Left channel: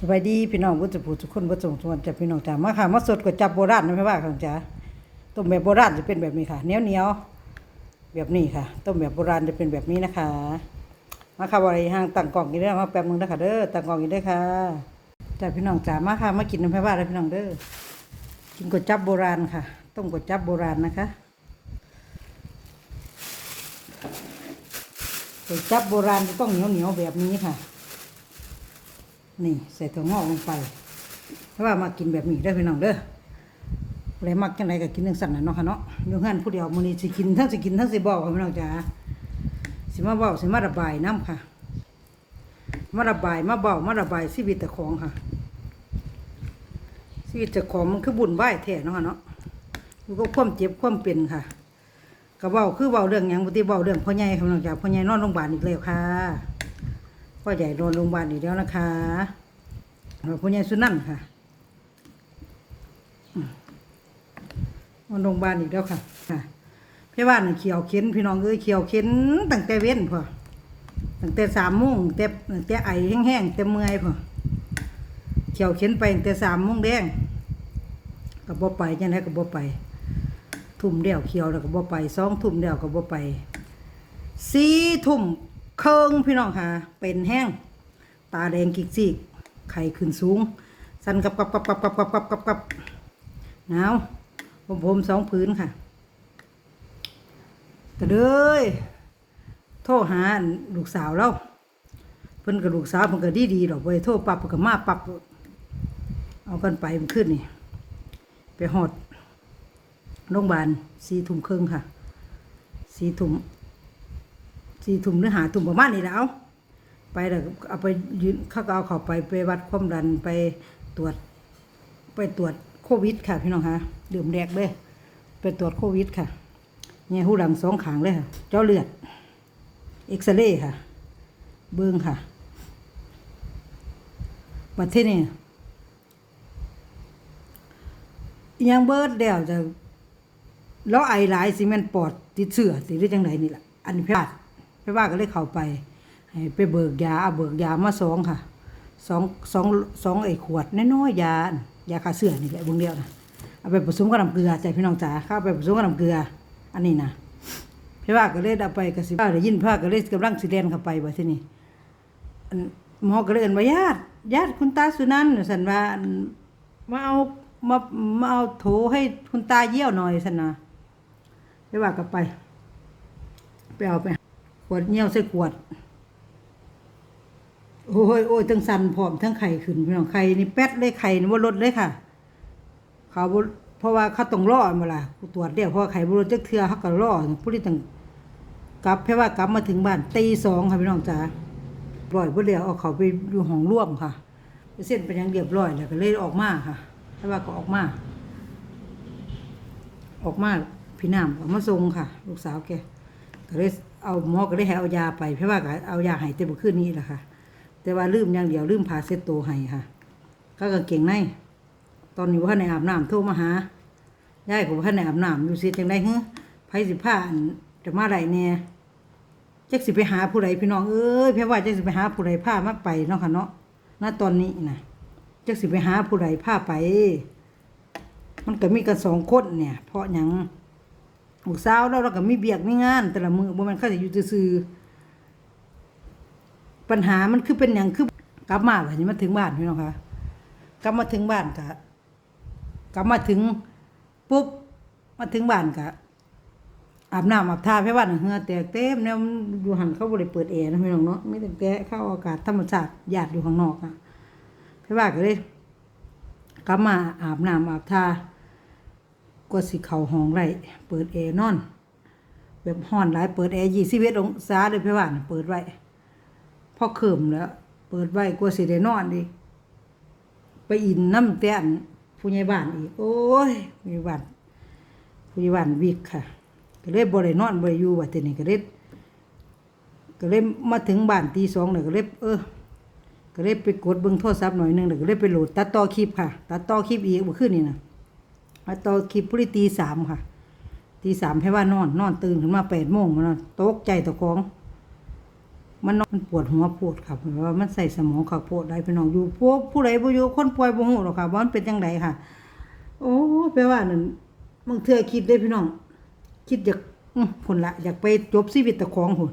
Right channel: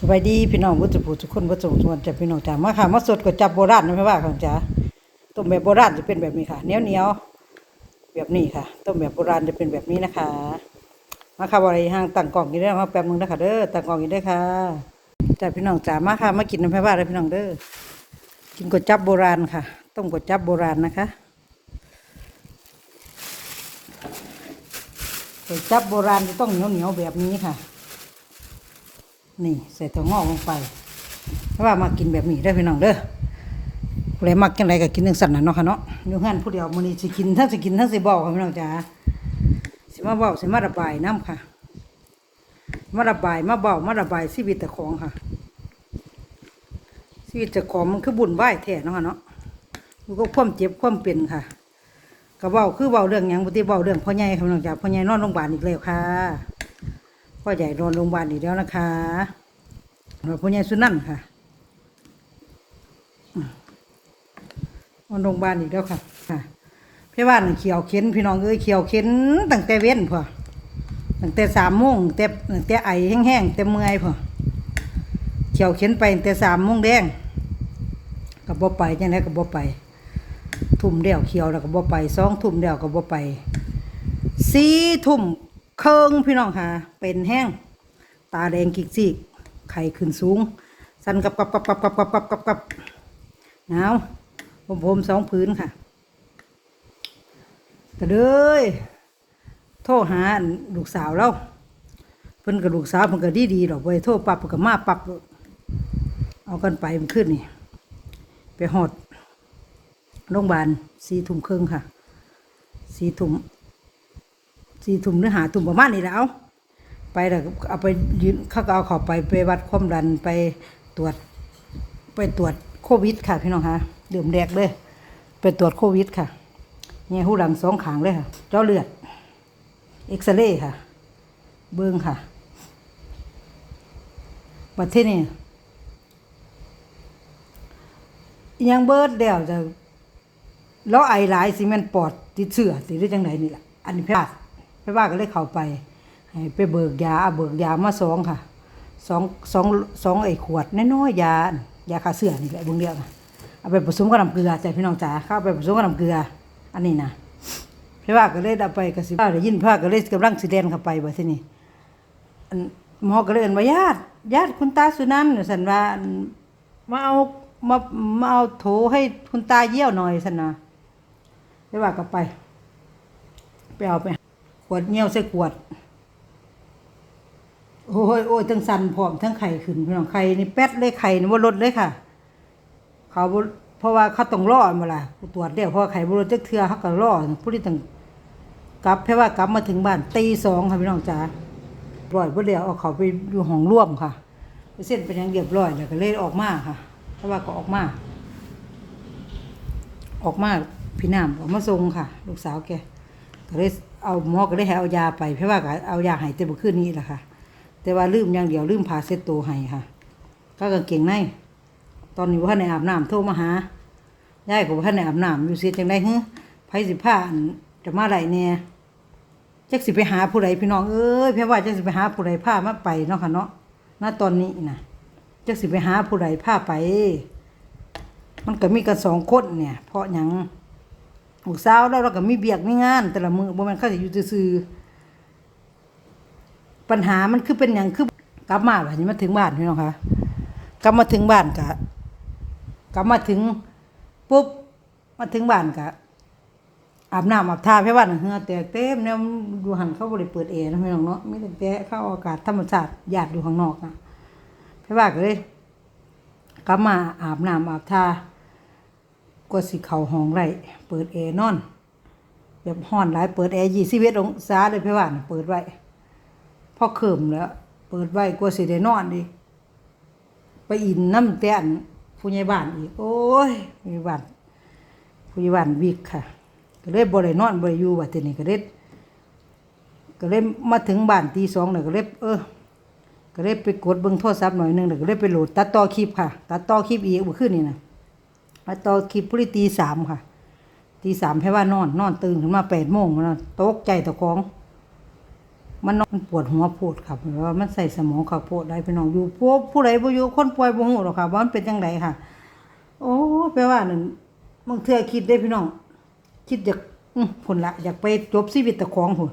สบายดีพี่น้องบุตรผู้ทุกคนบุตรทุกคนจะพี่น้องจ๋ามาค่ะมาสดก๋วยจับโบราณนะพี่ว่าค่ะจ๋าต้มแบบโบราณจะเป็นแบบนี้ค่ะเหนียวเหนียวแบบนี้ค่ะต้มแบบโบราณจะเป็นแบบนี้นะคะ มาค่ะบริห้างตั้งกล่องกินได้มาแป๊บนึงนะคะเด้อตั้งกล่องกินได้ค่ะจ้าพี่น้องจ๋ามาค่ะมากินน้ำพี่ว่าเลยพี่น้องเด้อกินก๋วยจับโบราณค่ะ ต้มก๋วยจับโบราณนะคะก๋วยจับโบราณจะต้องเหนียวเหนียวแบบนี้ค่ะ นี่ใส่ถั่วงอกลงไปเพราะว่ามากินแบบนี้ได้พี่น้องเด้อผู้ใดมักจังไดก็กินจังสั่นน่ะเนาะค่ะเนาะอยู่หันผู้เดียวมื้อนี้สิกินทั้งสิกินทั้งสิเว้าค่ะพี่น้องจ๋าสิมาเว้าสิมาระบายน้ำค่ะ มาระบายมาเว้ามาระบายชีวิตเจ้าของค่ะชีวิตเจ้าของมันคือบุญไหวายแท้เนาะค่ะเนาะมันก็ความเจ็บความเป็นค่ะก็เว้าคือเว้าเรื่องหยังบ่ติเว้าเรื่องพ่อใหญ่ค่ะพี่น้องจ๋าพ่อใหญ่นอนโรงพยาบาลอีกแล้วค่ะ พ่อใหญ่นอนโรงพยาบาลอีกแล้วนะคะนอนพ่อใหญ่สุนันค่ะอืมนอนโรงพยาบาลอีกแล้วค่ะพี่ว่านเขียวเข็นพี่น้องเอ้ยเขียวเข็นตั้งแต่เว้นพอตั้งแต่สามโมงแต่ตั้งแต่ไอแห้งๆแต่เมื่อยพอเขียวเข็นไปแต่สามโมงแดงก็บ่ไปยังไงก็บ่ไปทุ่มเดียวเขียวแล้วก็บ่ไปสองทุ่มเดียวก็บ่ไปสี่ทุ่ม เคิงพี่น้องค่ะ เป็นแห้ง ตาแดงกิกซีกไข่ขึ้นสูง สั่นกับกับกับกับกับกับกับกับกับหนาวผมผมสองผืนค่ะก็เลยโทรหาลูกสาวเราเพิ่นกับลูกสาวเพิ่นก็ดีดีดอกไปโทรปับเพิ่นก็มาปับเอากันไปมันขึ้นนี่ ไปหอดโรงพยาบาลสีทุ่มครึ่งค่ะสีทุ่ม สี่ถุ่มเนื้อหาถุ่มประมาณนี้แล้วไปแล้วเอาไปยืนเขาก็เอาเขาไปไปวัดความดันไปตรวจ ไปตรวจโควิด ค่ะพี่น้องคะดื่มแดกเลยไปตรวจโควิดค่ะแง่หูดังสองขางเลยค่ะ เจ้าเลือด เอ็กซเรย์ค่ะ เบิ้งค่ะมาที่นี่ยังเบิดเดียวจะแล้วไอหลายสิแมันปอดติดเชื้อติดได้จังไดนี่ล่ะอันนี้พทย์ ไปว่าก็เลยเข้าไปไปเบิกยาเบิกยามาสองค่ะสองสองสองไอ้ขวดน้อยๆยายาฆ่าเชื้อนี่แหละเบงเดียวนะเอาไปผสมกับน้ำเกลือใจพี่น้องจ๋าเข้าไปผสมกับน้ำเกลือ อันนี้นะพี่ว่าก็เลยเอาไปกระสิบได้ยินพี่ว่าก็เลยกำลังสิเดนเข้าไปบ่ที่นี่หมอก็เลยเอินว่าญาติญาติคุณตาสุนันท์สันว่ามาเอามามาเอาโถให้คุณตาเยี่ยวหน่อยสันนะไปว่ากันไปไปเอาไป ขวดเงี้ยวใส่ขวด โอ้ยโอ้ยทั้งสันพร้อมทั้งไข่ขึ้นพี่น้องไข่นี่แป๊ดเลยไข่นี่ว่าลดเลยค่ะ เขาเพราะว่าเขาต้องรอมาล่ะตรวจเดียวเพราะไข่บรดจักเทือเขาก็รอผู้ที่ต้องกลับเพราะว่ากลับมาถึงบ้านตีสองค่ะพี่น้องจ๋าปล่อยบ่เดียวเอาเขาไปอยู่ห้องร่วมค่ะเส้นเป็นยังเรียบร้อยแล้วก็เลยออกมาค่ะแต่ว่าก็ออกมา ออกมาพี่น้ำออกมาส่งค่ะ ลูกสาวแก ก็เลยเอาหมอก็เลยให้เอายาไปเพราะว่าก็เอายาให้เต็มขึ้นนี้แหละค่ะ แต่ว่าลืมอย่างเดียวลืมพาเซตโตวให้ค่ะ ก็กางเกงในตอนนี้ว่าในอาบน้ำโทรมาหายายก็ว่าในอาบน้ำอยู่เสิจังไดเฮ้ไผสิผ้าอันจะมาไหลเนี่ยจักสิไปหาผู้ใดพี่น้องเอ้ยเพี่ว่าจักสิไปหาผู้ใดผ้ามาไปเนาะค่ะเนาะณตอนนี้นะจักสิไปหาผู้ใดผ้าไป มันก็มีกันสองคนเนี่ย เพราะหยัง ลูกสาแล้วเราก็มีเบียกมีงาน แต่ละมือบ่แม่นเขาสิอยู่ซื่อปัญหามันคือเป็นหยังคือกลับมาแบัดนี้มาถึงบ้านพี่น้องคะกลับมาถึงบ้านกะกลับมาถึงปุ๊บมาถึงบ้านกะอาบน้ำอาบท่าให้ว่านเหือแตกเต็มเนี่ยอยู่หันเขาบ่ได้เปิดแอร์นะพี่น้องเนาะไมีแต่แกะเข้าอากาศธรรมชาติหยาดอยู่ข้างนอกนะให้ว่าก็เลยกลับมาอาบน้ำอาบท่า ก็สิเข่าห้องไรเปิดแอร์นอน แบบห้อนหลายเปิดแอร์ยี่สิบเอ็ดองศาเลยพี่ว่านเปิดไว้พอเขิมแล้ว เปิดไว้กลัวสิได้นอนอีไปอินน้ำแตนผู้ใหญ่บ้านอีกโอ้ยผู้ใหญ่บ้านผู้ใหญ่บ้านวิกค่ะ ก็เลยบ่ได้นอนบ่ได้อยู่ว่าทีนี้ก็เลยก็เลยมาถึงบ้านตีสองเนี่ยก็เลยเออ ก็เลยไปกดเบิ่งโทรศัพท์หน่อยหนึงแล้วก็เลยไปโหลดตัดต่อคลิปค่ะ ตัดต่อคลิปอีกเมื่อคืนนี่นะ ตัดต่อคลิปพรีตีสามค่ะตีสามให้ว่านอน นอนตื่นขึ้นมาแปดโมงมานตกใจตะกอง มันนอนมันปวดหัวปวดครับเพราะว่ามันใส่สมองเขาปวดได้พี่น้องอยู่พวกผู้ใดบ่อยู่คนป่วยบ่ฮู้หรอกค่ะว่ามันเป็นจังไดค่ะ โอ้แปลว่านั่นบางเทื่อคิดได้พี่น้อง คิดอยากอื้อพุ่นละอยากไปจบชีวิตตะของพุ่น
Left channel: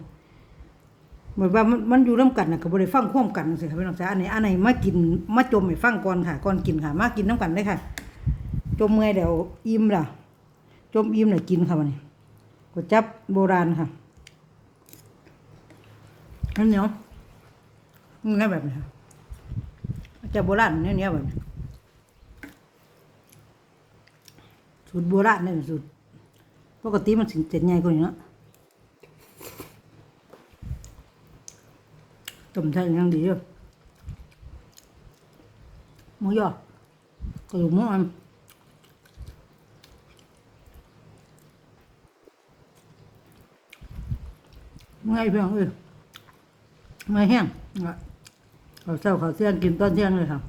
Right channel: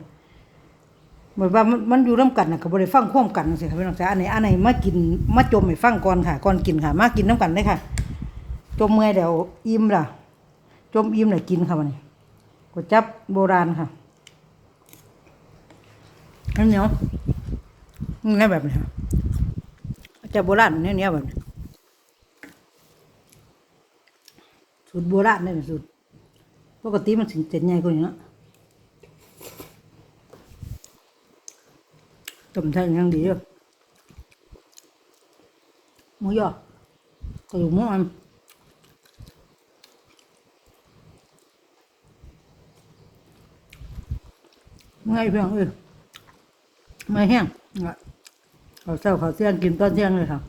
เหมือนว่ามันมันอยู่ร่วมกันน่ะก็บ่ได้ฟังควมกันจังซี่ค่ะพี่น้องจ้าอันไหนอันไหนมากินมาจมให้ฟังก่อนค่ะก่อนกินค่ะ มากินน้ำกันเลยค่ะ จมเมื่อยเดี๋ยวอิ่มล่ะ จมอิ่มแล้วกินค่ะวันนี้ก๋วยจับโบราณค่ะอันเนียวนี่แบบนี้จะโบราณเนี่ยเนี่ยแบบสูตรโบราณนี่สูตรปกติมันสิเจ็ดใหญ่กว่านี้นะต้มไทยยังดีเลยหมูยอกระดูกหมูอัน เมื่อยเพียงเออเมื่อยแห้งอะเขาวเช้าเขาวเที่ยงกินตอนเที่ยงเลยค่ะ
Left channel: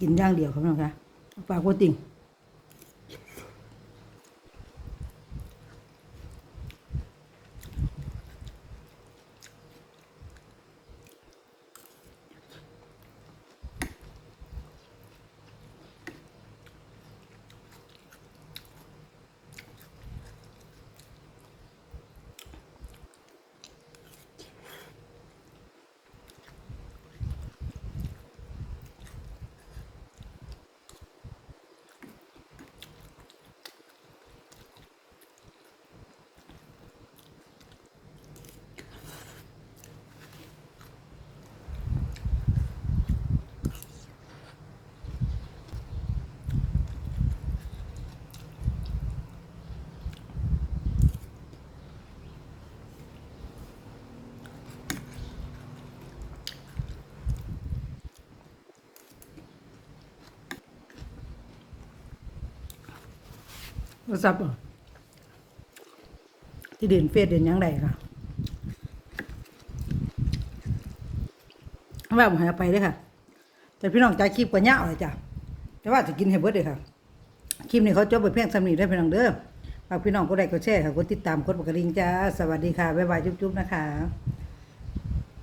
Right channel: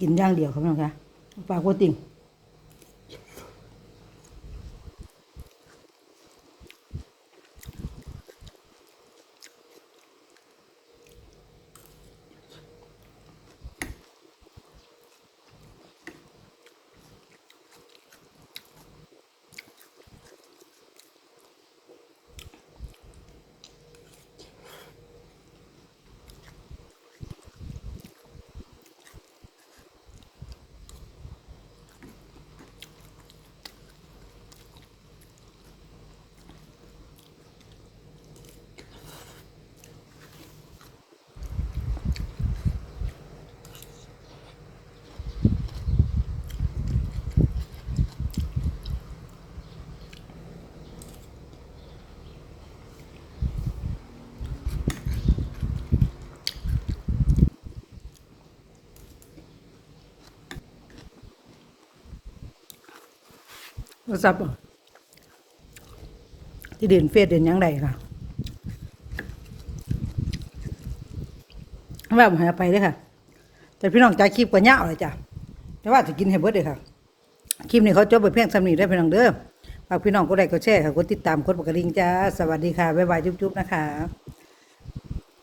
กินย่างเดียวครับพี่น้องคะปลากว่าติ่ง โทรศัพท์อที่เด่นเฟซเด่นยังไงค่ะว่าผมหาไปเด้อค่ะ แต่พี่น้องจ่ายคลิปก็ยาวเลยจ้ะแต่ว่าจะกินให้เบิดเลยค่ะคลิปนี้เขาจบไปเพียงสำนีได้พี่น้องเด้อฝากพี่น้องกดไลค์กดแชร์ค่ะกดติดตามกดปกกระดิ่งจ้าสวัสดีค่ะบ๊ายบายจุ๊บๆนะคะ